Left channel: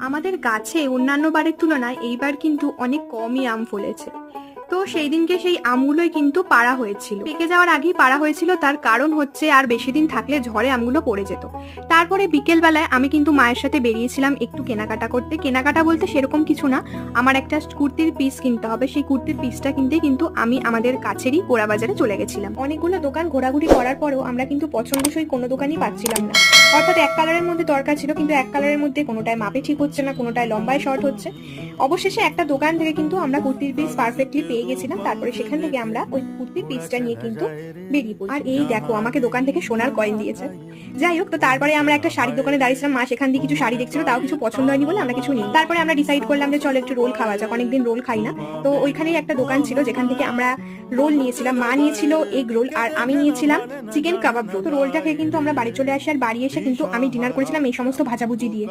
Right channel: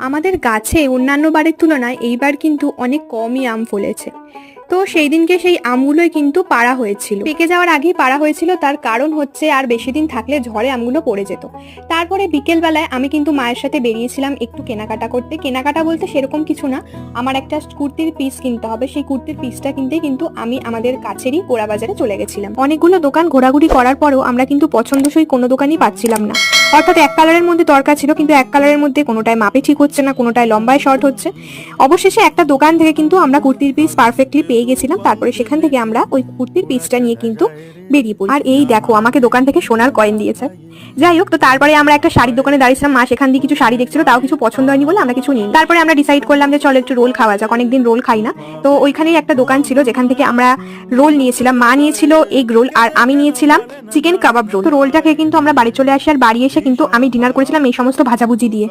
আমাদের গাছে অন্যান্য বারের তুলনায় এইবার কিন্তু অনেক কমই আম ফলেছে। তো সেই দিনকে সেই আমগুলোই কিন্তু পাড়া হয়েছিল। পেকে যাওয়ার আগেই পাড়া হয়েছিল, তার কারণ হচ্ছে আর বেশি দিন থাকলে ঝড়ে আমগুলো পড়ে যেত। তারপরে বিকেলবেলায় আমি কিন্তু মায়ের সাথে বেরিয়েছিলাম একটু কেনাকাটা করতে। কেনাকাটা বলতে সেরকম কিছু না, আমার একটা কুর্তির পিস কিনতে হবে। সেই কুর্তির পিসটা কিনতে কিন্তু আমি আমাদের কাছেরই গোড়া বাজারে চলে গেছিলাম। অনেকগুলো দোকান ঘোরাঘুরি করার পরেও আমরা কিন্তু পছন্দসই কোনো দোকানই পাচ্ছিলাম না। অর্থাৎ এক কালারের মধ্যে দরকার ছিল, কিন্তু এক কালারের মধ্যে কোনোটায় মাপে ঠিক হচ্ছে না, কোনোটায় লম্বায় শর্ট হচ্ছে। অবশেষে একটা দোকান থেকে কিন্তু আমরা কুর্তির পিস পারফেক্টলি পেয়ে গেছিলাম, তারপরে সেখান থেকে আমরা ওই কুর্তির পিসটা নিয়ে কিন্তু বেরিয়ে পড়ি। আর এই দেখো, আমাকে দোকান থেকে সোনার কয়েন দিয়েছে। যাই হোক, তো তারপরে আমরা একটা শাড়ির দোকানে দাঁড়িয়েছিলাম, মা সেখান দিয়ে কিছু শাড়ি দেখছিল, তাও কিছু পছন্দ হয়নি বলে আমরা কিছু নিই তারপরে আমরা ডিসাইড করলাম যে চলো একটু রোল খাওয়া যাক, অনেকদিন রোল খাই না। তো ওইখানেই একটা দোকান ছিল, যেখান থেকে আমরা রোল নিয়েছিলাম। মা নিয়েছিল এগ রোল আর আমি নিয়েছিলাম চিকেন কাবাব রোল তো রোলটা খেয়ে কিন্তু আমরা বাড়ি চলে আসি, আর বাড়ি এসে কিন্তু আমি ডিনার করেছিলাম এই সমস্ত ভাজাভুজি দিয়ে।